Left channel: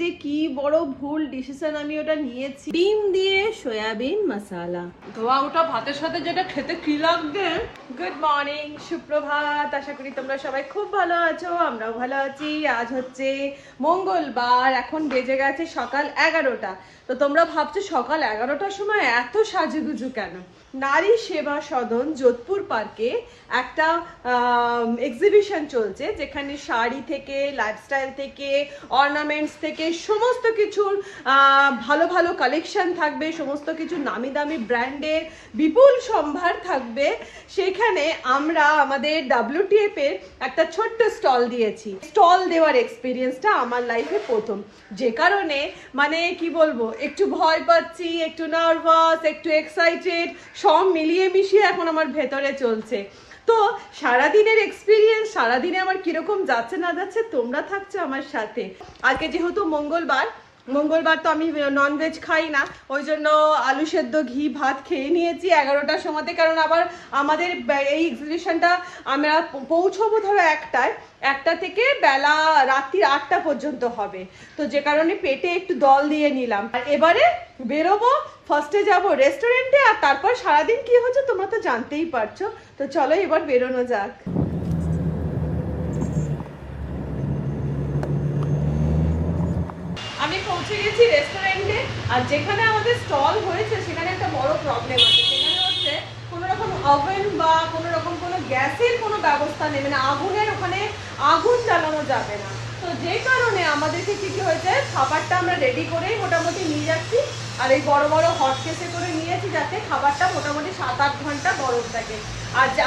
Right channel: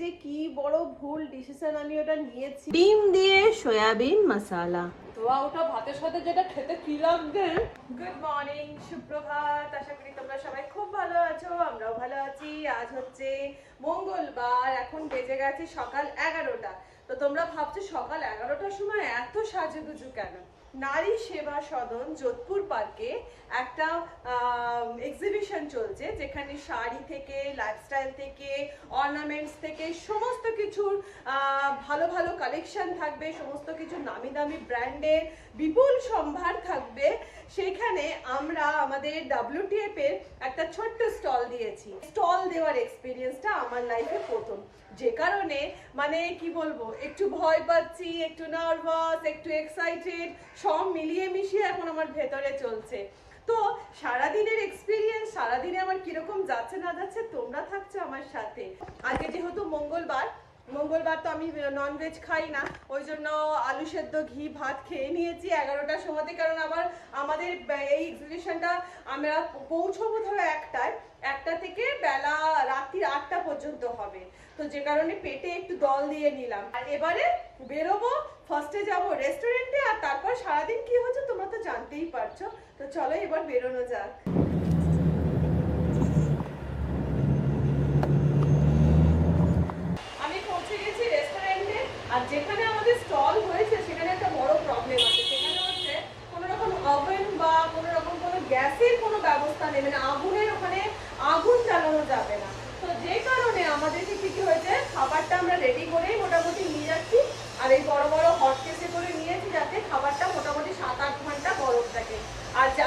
যে কি বড় ভুল ডিসিশন আমি ওটা নিয়েছি। ডিম দিয়ে সয়াবিন মশলা, ধোয়া ওটা ভাতের সাথে যেটা খেতে কি লাগবে। গুড মর্নিং, সুপ্রভাত। আশা করি তোমরা সবাই খুব ভালো আছো, আমরাও ভালো আছি। আজ হচ্ছে মঙ্গলবার, এখন বেজে গেছে সকাল 11টা। তো তোমরা ভাবছো সকাল 11টার সময় এত সাজুগুজু কেন? নারী সেবা সদন যোধপুর পার্কে একটা এক্সিবিশন চলছে, যেখানে শাড়ি থেকে, লাইফস্টাইল থেকে, অর্নামেন্টস থেকে সমস্ত কিছুর ভালো ভালো কালেকশন থাকবে, সমস্ত কিছু নামি দামি ব্র্যান্ডের বিপুল সম্ভার থাকবে। সেখানে আমরা আমাদের WTF এর একটা ছোট্ট স্টল দিয়েছি। স্টল দেওয়ার এক্সপিরিয়েন্সটা আমার লাইফে প্রথম, যে কারণে মানে কি বলবো, একটু ভয় পাচ্ছি, একটু নার্ভাস, একটু এক্সাইটেড, সব মিলিয়ে মিশিয়ে এখন আমার ভেতরে চলছে। তো সারাদিনের এক্সপিরিয়েন্স, সারাদিনে আমার কিরকম যাচ্ছে না যাচ্ছে, তোমরা থাকছো আমার সাথে। আজকে যেহেতু মঙ্গলবার তো আমি ননভেজ খাই না, ওই জন্য আলু সেদ্ধ ঘি ভাত খেয়ে নিয়েছি 11টার সময়তে। কারণ আবার আমাদের এই এক্সিবিশনটা আমরা পৌঁছবো ধরো 1টা থেকে বেলা রাত্রির 8টা পর্যন্ত হবে। তো যে কারণে পেটে একটু দল দিয়ে নিলাম। আর এবারে বেরোবো, ফার্স্টে যাব রেস্টুরেন্টে, আর তারপর সারাদিন কি হচ্ছে তোমরা তো জানতেই পারছো। তো চলো এবার বেরোনো যাক। আমি পৌঁছে গেছি রেস্টুরেন্টে, আর যেখানে আমাদের স্টল হয়েছে সেখানে একটা বড় প্রবলেম আছে। সেখানে হচ্ছে কোনো রকম ওভেন বা কোনো রকম কোনো গ্যাসের কোনো ব্যবস্থা নেবে না, আগুনের ওখানে আগুন জ্বালানো যাবে না। তো যে কারণে আমাদেরকে কি হয়েছে, খাবারটা আমরা রেডি করেই মোটামুটি নিয়ে যাচ্ছি। আর এই বড় বড় হট কেসে করে নিয়েছি, যাতে খাবারটা মোটামুটি 7-8 ঘন্টা গরম থাকে।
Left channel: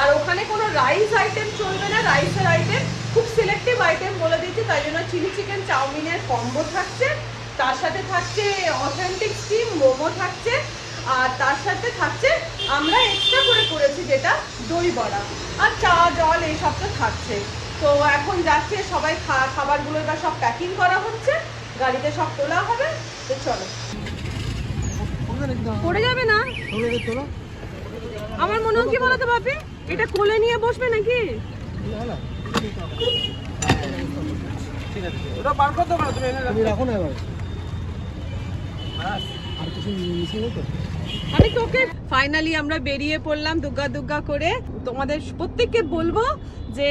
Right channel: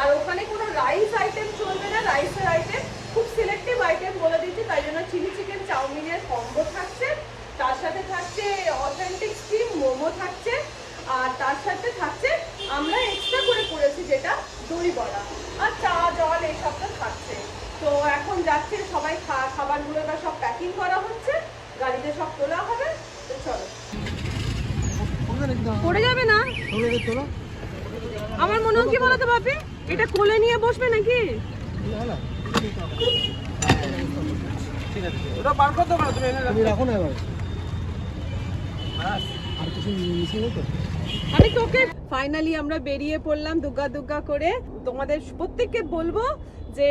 আর ওখানে কোনো রাইস আইটেম চলবে না, রাইসের আইটেম খুব সিলেক্টিভ আইটেম বলে দিচ্ছি। তাই জন্য চিলি চিকেন চাউমিনের কম্বো থাকছে, তার সাথে থাকছে অথেন্টিক স্টিম মোমো থাকছে, আর তার সাথে থাকছে আমরা এক্সট্রা করে করেছি যেটা দই বড়া, আর চা জল এইসব তো থাকছে। তো এখন যাচ্ছে সবাই, খাবারগুলো এবার সব প্যাকিং করা হচ্ছে, গাড়িতে সব তোলা হবে। তো চলো। পড়ে যাবে না? আমার মনে হয় কি বলতো বাপি, এটা কোলে নিয়ে বসবে নাকি? ঠিক আছে, ওটা বার করতে পারো তুমি, এখানে রাখো না এবার। আর কিছু মিশিয়ে তো আমি তোকে ফাইনালি আমরা বেরিয়ে পড়লাম দুগ্গা দুগ্গা করে। তোমাদের প্রত্যেককে বলবো যে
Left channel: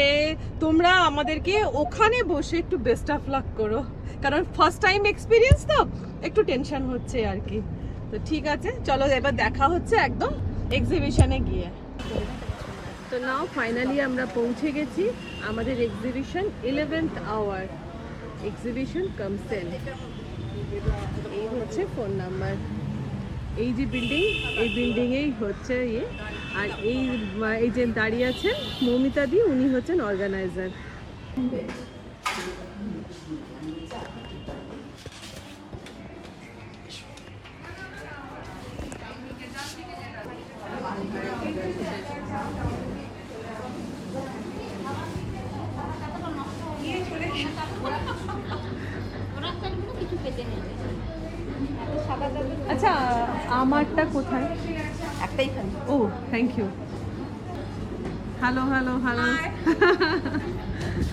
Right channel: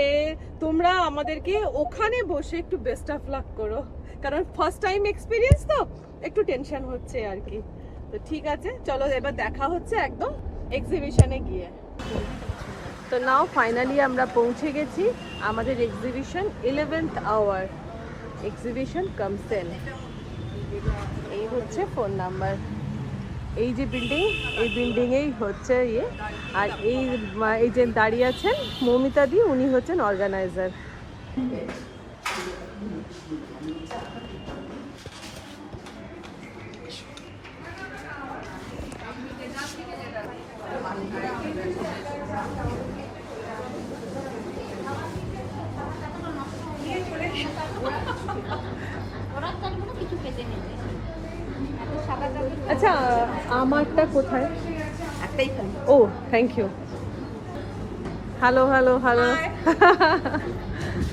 তোমরা আমাদেরকে ওখানে বসে একটু বেস্ট অফ লাক করো, কারণ ফার্স্ট টাইম এক্সপিরিয়েন্স তো একটু টেনশন হচ্ছে আর কি। তো ঠিক আছে, চলো এবার দেখা হচ্ছে একদম এক্সিবিশনে গিয়ে। তো নাও ফাইনালি আমরা পৌঁছে গেছি আমাদের এক্সিবিশন 11th আওয়ার এক্সিবিশন কামসেল। এই হচ্ছে ফোন নাম্বার, এই যে বিল্ডিং, এই বিল্ডিংয়েই হচ্ছে ইয়ে। আর এই যে দাঁড়িয়ে আছেন মৌমিতা দি, উনি হচ্ছেন অর্গানাইজার। আচ্ছা, আমারটা কোথায়? একটাই খালি। ও thank you. Hello hello hello.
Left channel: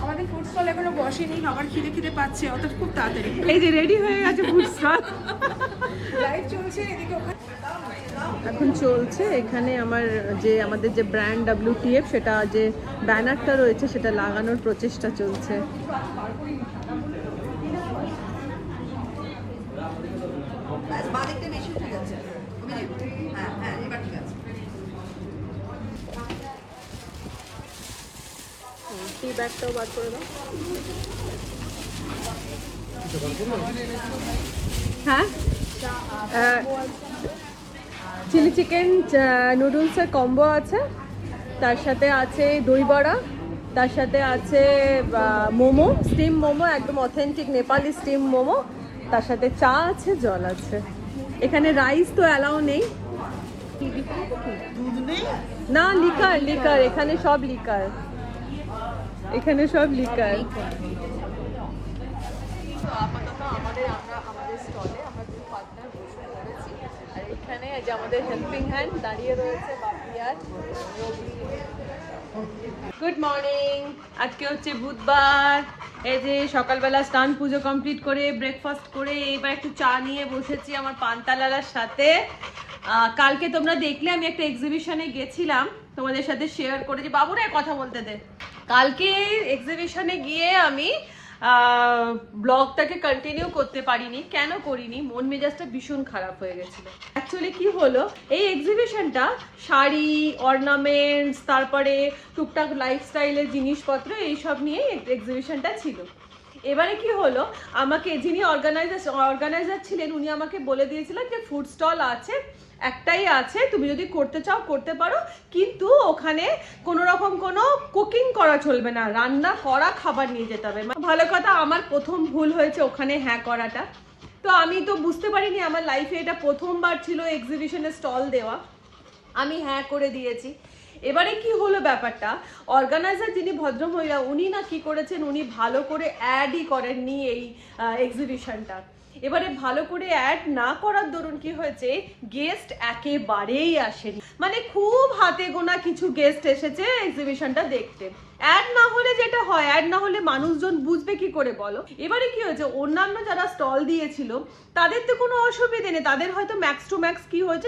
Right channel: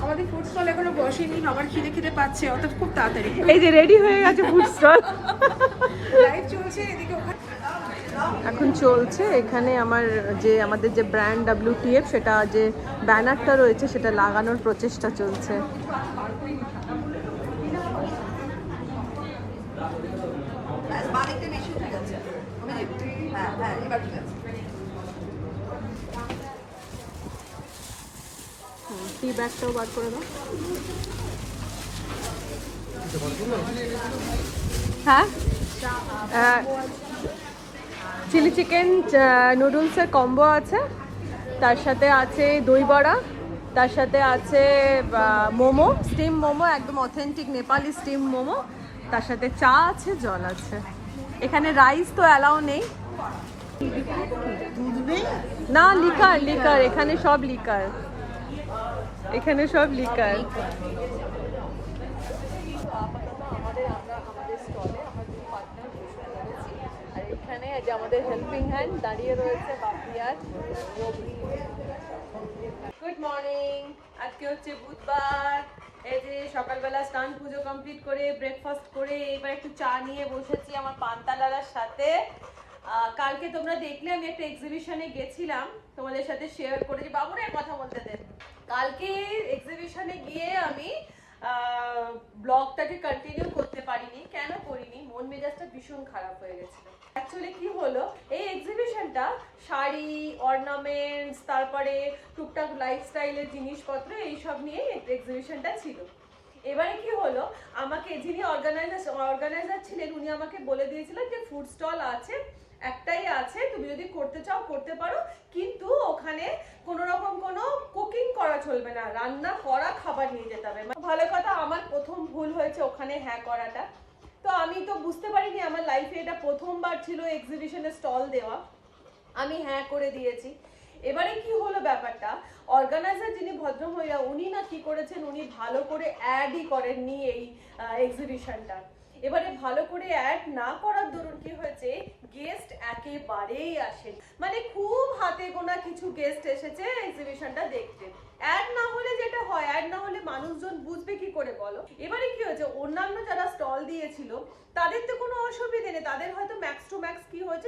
আমাদের ফুড স্টল এখনো বসেনি, আবার খিদে খিদে পাচ্ছে, অত খুব তাড়াতাড়ি। এই যে রেডি হয়ে গেছে ফুড স্টল। এখন চলছে এখানে আমাদের যে ব্র্যান্ড WTF, সেটা যে ব্যানারটা রয়েছে সেটা লাগানোর প্রচেষ্টা চলছে। হ্যাঁ, চিলি চিকেন নুডলসের কম্বো আছে, তার সাথে আছে দই বড়া, তার সাথে আছে মোমো, স্টিম মোমো, একদম অথেন্টিক নেপালি স্টিম মোমো, তার সাথে চা আছে, জল আছে। এখানে রাইস তো অ্যালাউ নেই। না, লিকার এখানে সব লিকার, এখানে সব লিকার। আপাতত আমাদের স্টলে আমরা দুই পার্টনার বসে পড়েছি। আর এখানে যে আমাদের হেল্পিং হ্যান্ড দাঁড়িয়ে রয়েছে বাপিয়ার। Good morning. আজকে হচ্ছে বুধবার। এই যে সকালবেলা স্নান পুজো কমপ্লিট করে ব্রেকফাস্ট করে এবার একটু চা নিয়ে বসেছি আমার পান্তালালার সাথে। কালকে তোমরা দেখলে আমি একটা এক্সিবিশনে গেছিলাম, তোমাদের সাথে শেয়ার করেছি। বাবুরা কথা বলতে দে। কালকে এক্সিবিশনে গিয়ে আমি ব্লগটাকে কন্টিনিউ করতে পারিনি। কেন করিনি? মন মেজাজটা ভীষণ খারাপ হয়ে গেছিল। অ্যাকচুয়ালি কি হলো, এই এক্সিবিশনটা শাড়ি, অর্নামেন্টস, তারপরে টুকটাক লাইফস্টাইলের জিনিসপত্র এইসব নিয়ে এক্সিবিশনটা ছিল। এবারে কি হলো, আমাকে যিনি অর্গানাইজার ছিলেন উনি আমাকে বলে দিয়েছিলেন যে ফুড স্টল আছে, একটাই আছে, তুমি যদি করতে চাও করতে পারো, কিন্তু ওখানে কোনো রকম কোনো কুকিং করা চলবে না, রান্না করা খাবার নিয়ে যেতে হবে। ভালো কথা, আমার প্রথম ভুল হয়েছে ওখানে হ্যাঁ করাটা। তো আমি তো বুঝতে পারিনি, আমার লাইফে এটা প্রথমবার ছিল এক্সিবিশনে স্টল দেওয়া। আমি হ্যাঁ করে দিয়েছি। এবারে কি হলো ব্যাপারটা, অর্গানাইজার যিনি ভদ্রমহিলা উনি না কি করেছেন, উনি ভালো করে অ্যাডই করেননি এই এক্সিবিশনটা। এবারে ভালো করে অ্যাড না করার দরুন কি হয়েছে, গেস্ট একেবারেই আসেনি। মানে খুব হাতে গোনা কিছু গেস্ট এসেছে এক্সিবিশনটা দেখতে। অ্যাড না হলে যেটা হয়, অ্যাড না হলে মানুষজন বুঝবে কি করে বলো? এবারে কি হয়েছে, অন্যান্য যারা স্টল দিয়েছিল তাদের তো কোনো অসুবিধে নেই, তাদের হয়তো ম্যাক্স টু ম্যাক্স কি হয়েছে,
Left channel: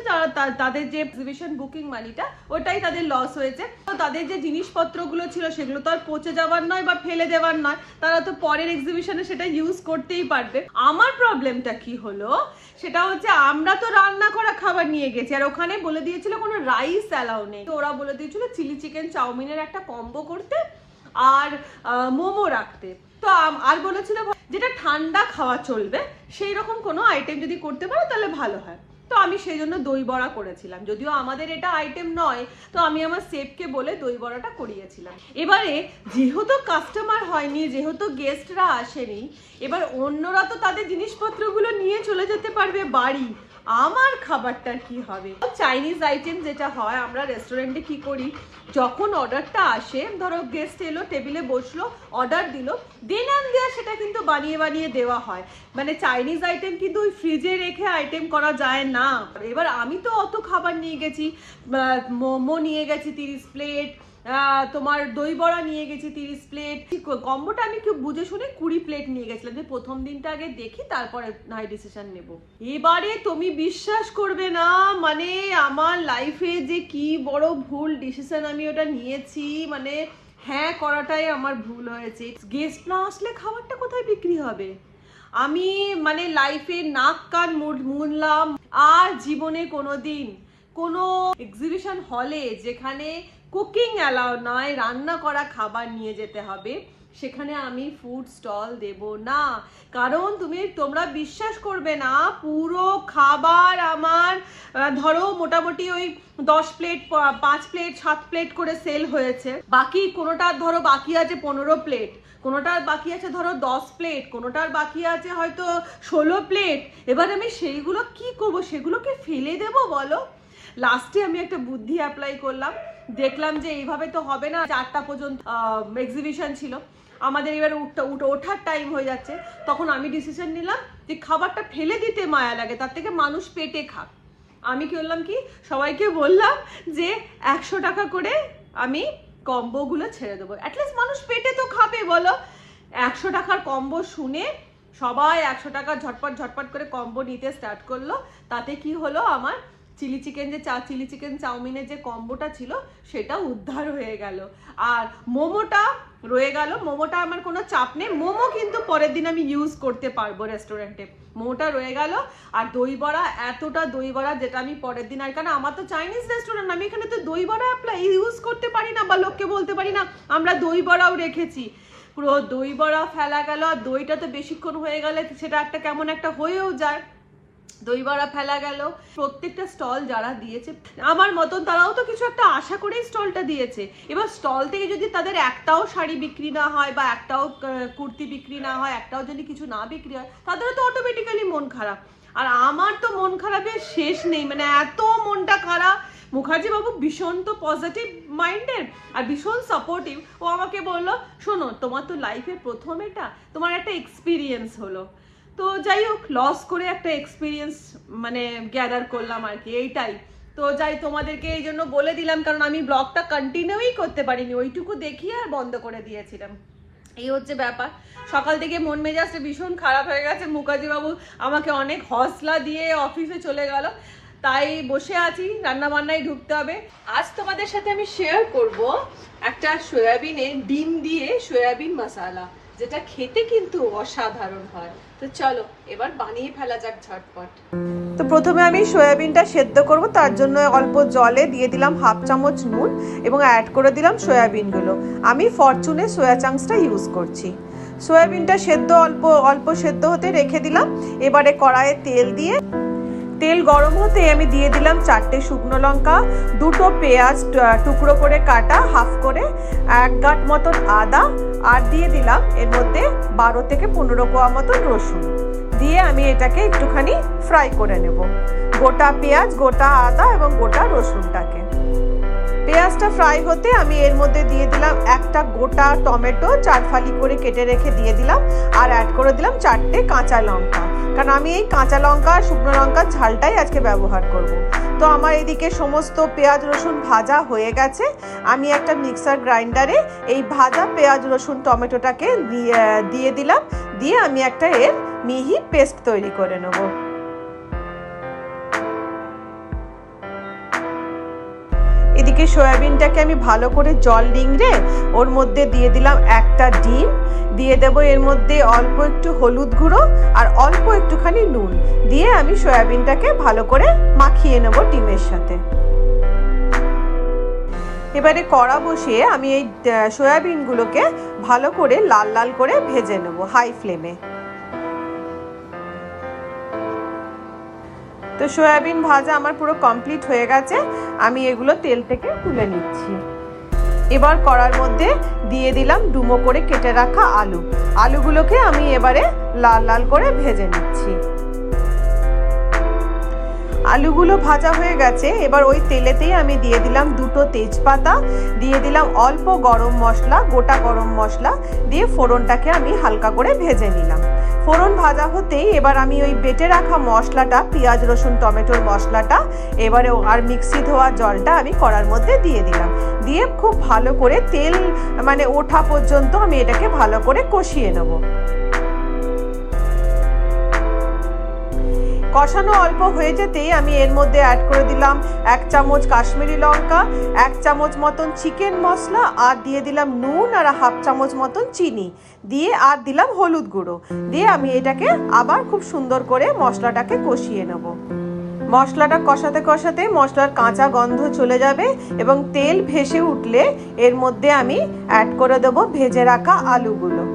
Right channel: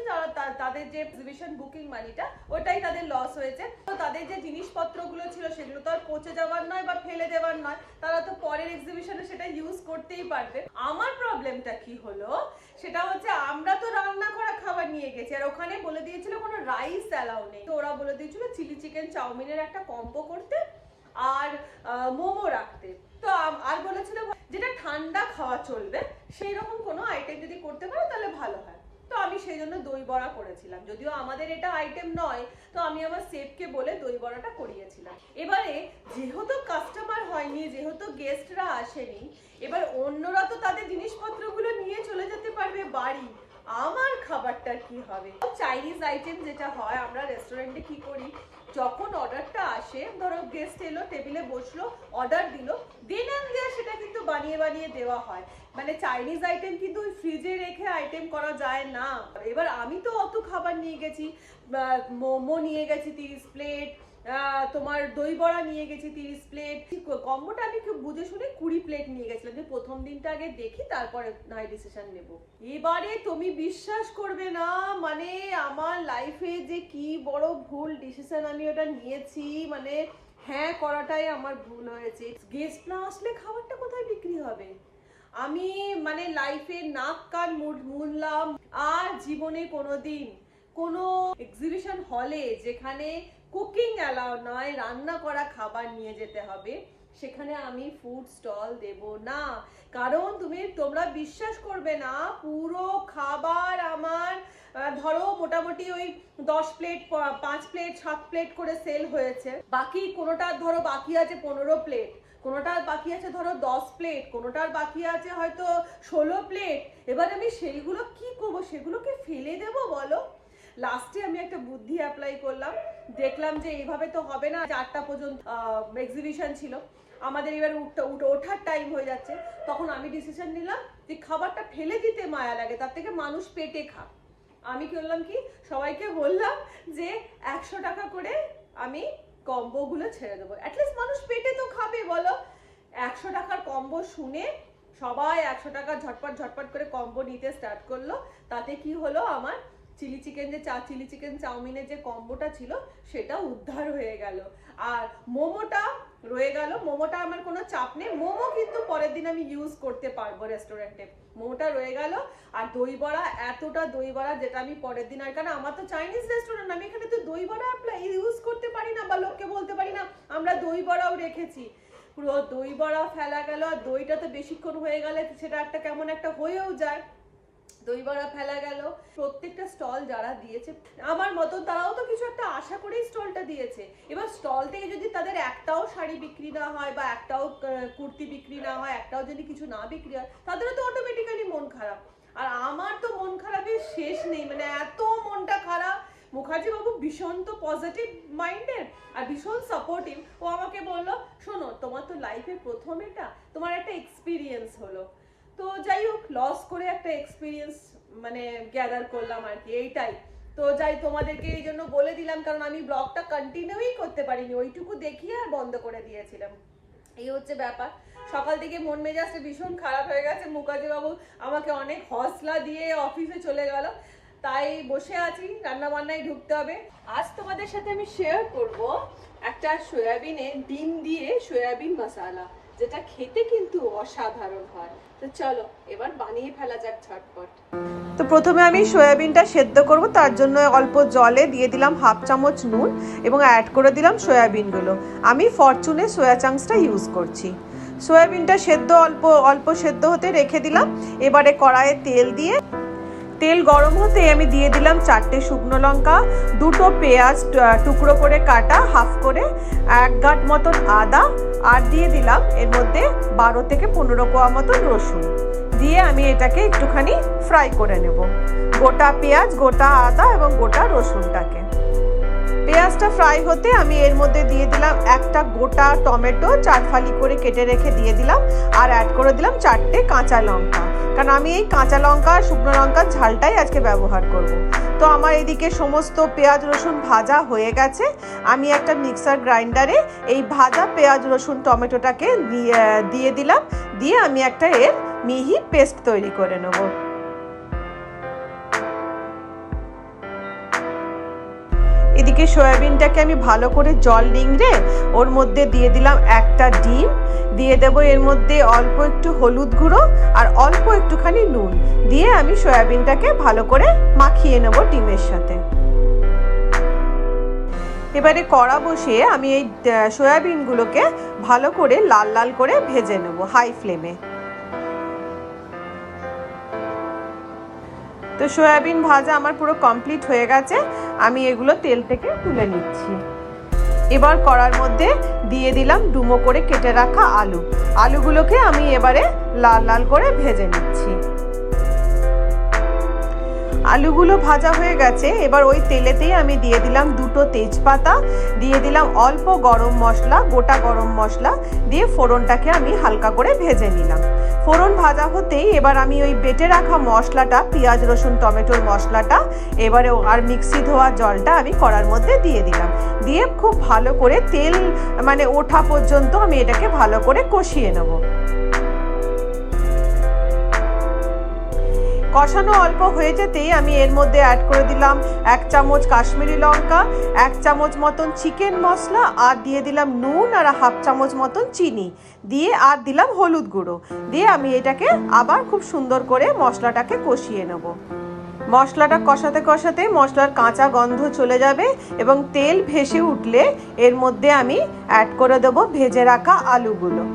তাদের যে এক্সিবিশন বুকিং মানিটা ওটাই তাদের লস হয়েছে। তো তাদের যে জিনিসপত্রগুলো ছিল সেগুলো তো আর পচে যাওয়ার নয় বা ফেলে দেওয়ার নয়, তারা তো পরের এক্সিবিশনে সেটা ইউজ করতেই পারবে। আমার প্রবলেমটা কি হলো, সেটা হচ্ছে আমরা তো রান্না করা খাবার নিয়ে গেছি, আর ওখানে বলে দিয়েছিল কোনো রাইস অ্যালাউ নেই। তো ওরা বলে দিয়েছিল চিলি চিকেন চাউমিনের একটা কম্বো করতে আর মোমো রাখতে। তো আর বলেছিল যেটা ঠান্ডা খাওয়া চলবে সেই রকম কোনো আইটেম যদি করতে পারো তাহলে ভালো হয়। তো আমি সেই জন্য দই বড়া করেছিলাম, যদিও আমাদের এটা আইটেম নয়, তো আমি আমার শেফকে বলে দই বড়াটা করিয়েছিলাম। এবারে যেহেতু কাস্টমার হয়নি, যেহেতু গেস্টরা আসেনি, এবার অন্যরা তো তাদের জিনিসপত্রগুলো নিয়ে চলে যেতে পারবে বাড়ি, আমার খাবারটা কি হবে? চাইনিজ আইটেম যেটা হয়, আমরা রেস্টুরেন্টে কি করি, যখন অর্ডারটা আসে, ধরো গেস্ট এলো, টেবিলে বসলো, অর্ডার দিল, দেন অ্যান্ড দেয়ার সেটা কিন্তু বানিয়ে বানিয়ে দেওয়া হয়। মানে চাইনিজ আইটেম কিন্তু ওই ফ্রিজে রেখে আইটেম করা যায় না। এবার আমি তো অত খাবার নিয়ে গেছি, মোমো নিয়ে গেছি 30 প্লেট, তোমার দই বড়া নিয়ে গেছি 30 প্লেট, কম্বোটা আমি খুব বুঝে শুনে 20 প্লেট নিয়ে গেছিলাম, যে প্রথম দিনটা আগে দেখি তারপরে হাই ডিসিশন নেব। এবারে তুমি বিশ্বাস করবে না, মানে আমার লাইফে যে কি বড় ভুল ডিসিশন আমি ওটা নিয়েছি, মানে হ্যাঁ করাটাই আমার ভুল হয়েছে। গেস্ট না আসলে খাবারটা কোথায় বিক্রি হবে? আমি মানে লাইফে নাক কান মুনলাম, আর জীবনে কোনোদিন কোনো এক্সিবিশন হলে যেখানে কুকিং অ্যালাউ নয়, রান্না করা খাবার নিয়ে যেতে হবে, সেখানে আমি ফুড স্টল দেব না। কারণ তোমরা বিশ্বাস করবে না, পুরো খাবার আমার ধরো মোটামুটি ওই 10 প্লেট 5 প্লেট 7 প্লেট করে সেল হয়েছে। বাকি কোনোটা ধরো বাকি আছে 15 প্লেট, কোনোটার বাকি আছে ধরো 10 প্লেট, কোনোটার বাকি আছে হয়তো 16 প্লেট। এবার আমি সেইগুলো কি করব? সেগুলোকে ফেলে দেবো বলো? লাস্টে আমি একটা বুদ্ধি অ্যাপ্লাই করলাম, দেখলাম যে এইভাবে তো হবে না, 4টা পর্যন্ত এক্সিবিশন ছিল, আমাদের এবার ওঠার টাইম হয়ে যাচ্ছে। তখন আমি ডিসিশন নিলাম যে খাবারটা ফেলে দিতে মায়া লাগে, তার থেকে মানুষ পেটে খাক। আমি কি করলাম, কি সবাইকে বললাম যে 100 টাকা করে আমি কম্বোগুলো ছেড়ে দেবো, অ্যাটলিস্ট মানুষ পেটে তো খাবে বলো। 100 টাকার কম্বো শুনে সবাই 100 টাকা ঝটপট ঝটপট করে কম্বো নিতে স্টার্ট করলো। তাতে কি হলো, আমার চিলি চিকেন চাউমিনের যে কম্বোটা ছিল সেটা উদ্ধার হয়ে গেল, আর মোমোটা রয়ে গেল। মোমোটা আমার কোনো চাপ নেই, মোমো কিন্তু পরের দিন আমি ইউজ করতে পারবো রেস্টুরেন্টে। মোমোটা রয়ে গেল, আর দই বড়া, এতটা দই বড়া যেটা আমি পরের দিন, আর কারণ আমার তো চাইনিজ রেস্টুরেন্ট, আমি এখানে তো দই বড়া ইউজ করতে পারি না, বা লোককে বলতে পারি না আমরা দই বড়াও রেখেছি। পুরো দই বড়া ফেলা গেল, আর দইটা তো বেশিক্ষণ হয়ে গেলে সেটা একটা কেমন একটা হয়েও যায়, দই বড়া ফেলা গেল। প্রত্যেকটা স্টল যারা দিয়েছে আমার মতন, তারাও তো কিছু একটা আশা করেই স্টলটা দিয়েছে। এবার স্টল থেকে যদি তাদের একটাও শাড়ি বিক্রি না হয়, বা একটাও কুর্তি বিক্রি না হয়, একটাও যদি কিছু না বিক্রি হয়, তাদেরও তো অটোমেটিক্যালি মন খারাপ। আর আমার তো মন খারাপের শেষ নেই, মানে এত মনটা খারাপ। মুখার্জি বাবু ভীষণ তো পজিটিভ মাইন্ডের আর ভীষণ সাপোর্টিভ। ও আমাকে বললো, শোনো তোমার তো লাইফে প্রথম এটা, তোমার একটা এক্সপিরিয়েন্স হলো, তো যাই হোক লস করে একটা এক্সপিরিয়েন্স মানে গ্যাদার করলাম আর কি, এইটাই। তো যাই তোমাদেরকে এই জন্য বলে দিলাম, কারণ আমি ব্লগটা কন্টিনিউই করতে পারিনি, ওইটুকু দেখিয়ে আর বন্ধ করে দিয়েছিলাম। এই হচ্ছে ব্যাপার। সকাল থেকে মন মেজাজটা ভীষণ খারাপ হয়ে গেছে। মুখার্জি বাবু আমাকে অনেক হৌসলা দিয়ে অফিসে চলে গেল, তাই বসে আছি, রান্না বান্নায় ঢুকতে হবে। আজ তোমাদের সাথে আমি শেয়ার করব একটা সয়াবিনের ডিম দিয়ে সয়াবিন মশলা, যেটা খেতে কিন্তু অসাধারণ হয়। তো চলো এবার বানিয়ে ফেলা যাক ঝটপট। তো প্রথমে আমি সয়াবিনটা সেদ্ধ করব, তার জন্য অল্প জলে দিয়ে দিলাম 1/2 চামচ নুন এবং অ্যাড করে দিলাম সয়াবিনগুলো। আমি ফরচুনের সয়া চাংসটা ইউজ করছি। সয়াবিনটা সেদ্ধ অল্প সেদ্ধ হতে রেখে দিলাম। এবারে কড়াইয়ে তেল দিয়ে, তেল গরম হতে আমি দিয়ে দিলাম 4টে শুকনো লঙ্কা, 2টো পেঁয়াজ টুকরো করে কাটা হাফ করে, 1 গাঁট মতন আদা, আর দিয়ে দিলাম এর মধ্যে 12 থেকে 15 কোয়া মতন রসুন। দিয়ে আমি এটাকে একটুখানি ফ্রাই করে নেব, গোটা পেঁয়াজ, গোটা আদা এবং গোটা রসুনটাকে। পেঁয়াজটা ফ্রাই হতে আমি এর মধ্যে দিয়ে দিলাম একটা গোটা টমেটো 4 ফালি করে কেটে রেখে দিয়ে দিলাম, আর অ্যাড করে দিলাম 4টে কাঁচা লঙ্কা, কারণ আমি এই কাঁচা লঙ্কা আর শুকনো লঙ্কার ঝালটাই আজকে ব্যবহার করব। তো আমার এদিকে সমস্ত পেঁয়াজ রসুন ভাজা হয়ে গেছে। আমি একটা মিক্সার গ্রাইন্ডারে এই ভাজা পেঁয়াজ রসুন টমেটোটাকে দিয়ে দিলাম, দিয়ে আমি একটা এর মিহি পেস্ট তৈরি করে নেব। এদিকে সয়াবিনটাকে আমি ভালো করে জল নিংড়ে ওর মধ্যে দিয়ে দিলাম একটা ডিম, দিয়ে দেব এর মধ্যে অল্প একটু হলুদ গুঁড়ো আর অল্প একটুখানি নুন, দিয়ে আমি সয়াবিনটাকে ভালো করে মাখিয়ে নেব ডিমের সাথে। এবারে কড়া বসিয়ে আমি এই সয়াবিনগুলোকে ভালো করে লাল লাল করে ভেজে নেব হাই ফ্লেমে। তো সয়াবিন ভাজা আমার পুরো কমপ্লিট হয়ে গেছে, আমি এগুলো তেল থেকে তুলে নিচ্ছি। এবার কড়ার মধ্যে দিয়ে দিলাম ডুমো করে কেটে রাখা আলুগুলোকে আমি এবারে লাল লাল করে ভেজে নিচ্ছি। আলুগুলো ভাজা হয়ে গেছে, এবার ওই তেলেতেই আমি দিয়ে দিলাম 2টো তেজপাতা, দিয়ে দিলাম অল্প গরম মশলা, গোটা গরম মশলা, দিয়ে ফোড়নটাকে আমি হালকা করে ভেজে নিলাম। ফোড়ন ভাজা হতেই এবার আমি ওই বেটে রাখা মশলাটা, পেঁয়াজ রসুন টমেটোর মশলাটা, এবারে আর মিক্সি ধোয়া জলটা আমি কড়ার মধ্যে দিয়ে দিলাম, দিয়ে খুব ভালো করে তেল ওঠা পর্যন্ত আমি এটাকে ভালো করে কষিয়ে নেব। কষানো অল্প হয়ে যেতেই আমি এর মধ্যে অ্যাড করে দিলাম 1 চামচ কাশ্মীরি লঙ্কা, 1 চামচ মতন চিকেন মশলা, আর দিয়ে দিলাম নুন আর 1/2 চামচ মতন চিনি, দিয়ে আর দিলাম হলুদ গুঁড়ো, দিয়ে আমি এটাকে আবার খুব সুন্দর করে মশলাটাকে কষিয়ে নেব। মশলাটা কষাতে কষাতে মশলার কাঁচা গন্ধ চলে যাবে এবং তেল ভেসে উঠলে এর মধ্যে আমি অ্যাড করে দেবো ভেজে রাখা আলুগুলো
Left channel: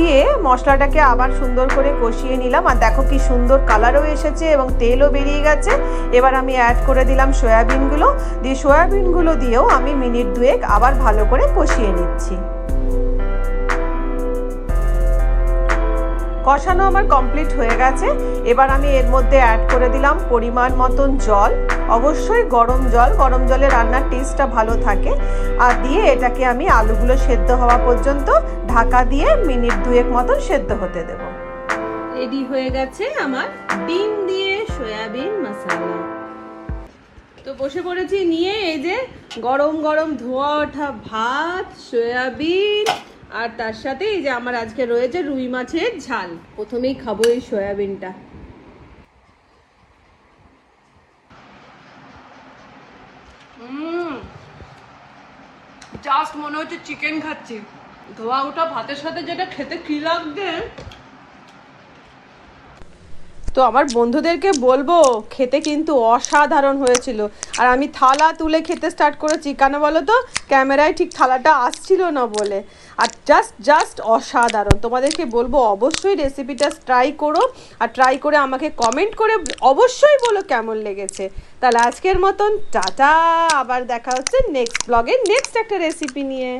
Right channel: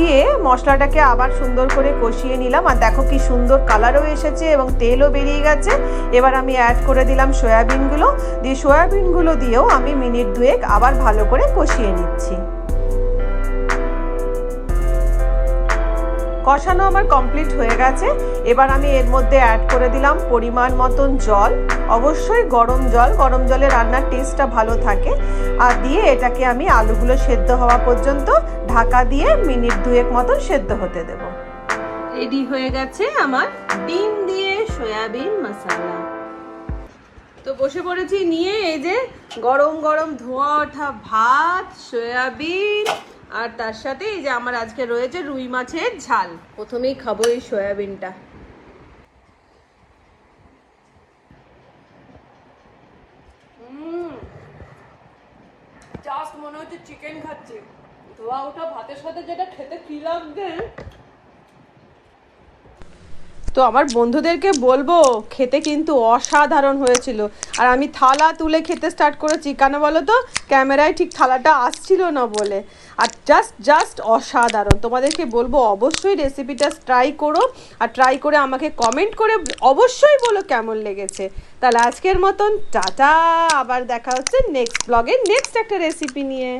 দিয়ে মশলাটাকে আবার সুন্দর করে কষিয়ে নিলাম। আর দেখো কি সুন্দর কালারও এসেছে এবং তেলও বেরিয়ে গেছে। এবার আমি অ্যাড করে দিলাম সয়াবিনগুলো, দিয়ে সয়াবিনগুলো দিয়েও আমি মিনিট 2 আবার ভালো করে কষিয়ে নিচ্ছি। কষানো আমার কমপ্লিট হয়ে গেছে। এবার আমি এর মধ্যে অ্যাড করে দিলাম পরিমাণ মতন জল, অবশ্যই গরম জল, গরম জলে রান্নার টেস্টটা ভালো থাকে। আর দিয়ে এটাকে আমি আলুগুলো সেদ্ধ হওয়া পর্যন্ত ঢাকা দিয়ে মিনিট 2 মতন সেদ্ধ হতে দেব। রেডি হয়ে গেছে আমার ডিম দিয়ে সয়াবিন মশলা। তো বসে পড়েছি নিয়ে, এই যে গরম গরম ধোয়া ওঠা ভাত, সয়াবিন, আর তার সাথে এই যে আমার আজকে রয়েছে রুই মাছের ঝাল। প্রথমেই খাবো এই সয়াবিনটা। জাস্ট মনে হচ্ছে চিকেন খাচ্ছি। ধোয়া ওঠা ভাতের সাথে যেটা খেতে কি লাগবে। তো আমার বন্ধুদেরকে বলবো, খেতে কিন্তু অসাধারণ হয়েছিল। আর আমি থালা তুলে খেতে স্টার্ট করেছি, কেন বলো তো, ক্যামেরায় ঠিক থালাটা আসছিল না বলে। আর জাস্ট অসাধারণ। তোমাদেরকে বলবো অবশ্যই রেসিপিটা ট্রাই করো, আর ট্রাই করে আমাকে কমেন্ট করে অবশ্যই বলো কেমন লেগেছে। তাহলে আজকের মতন টাটা, আবার দেখা হচ্ছে নেক্সট ব্লগে নেক্সট একটা রেসিপি নিয়ে।